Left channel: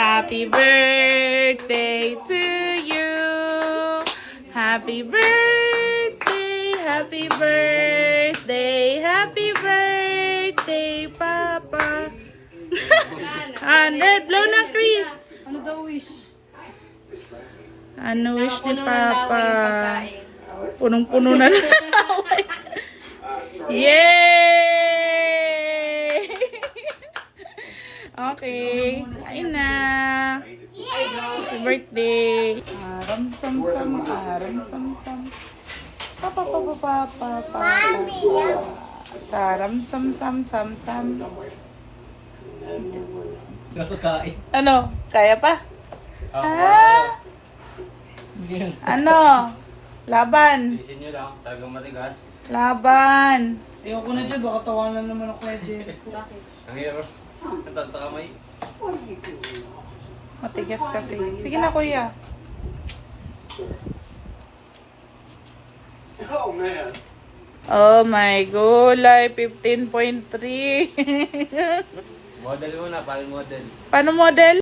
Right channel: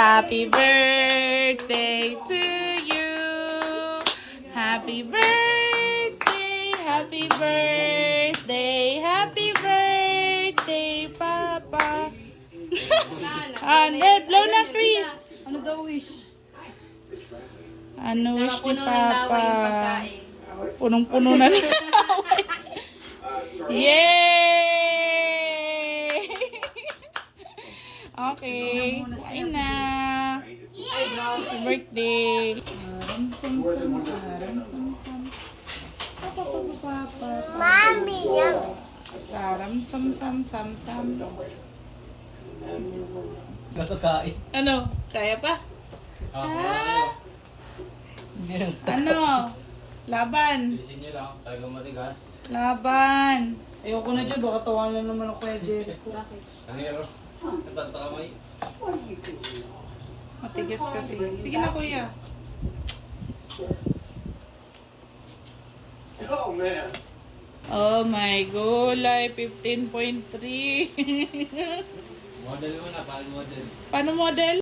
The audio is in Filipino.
Happy birthday to you. Happy birthday, happy birthday, happy birthday, Papa. Red, blow na, Chris. Ano daw wish? Ano wish ni Nakapuno ng laway Papa? yung pagkain. Punong-puno na laway. Yay! Okay. Kain na. Happy birthday. Aram-sam-sam, aram-sam-sam. Pa-pa-pa-pa-pa-pa. Mami, saram-sam-sam-sam-sam. Nakakain. Ano? Kaya pa? Ah? Ano? Laban. Isin nyo lang, talagang matigas. Laban. Ayoko na dyan, baka tawanan naman ako kay Jericho. Bakit? Ang hirap. Natatamay. Matigas kasi. Sige na, kuya. Oh my gulay, 15.3. Model mo na, paano model? Paano model?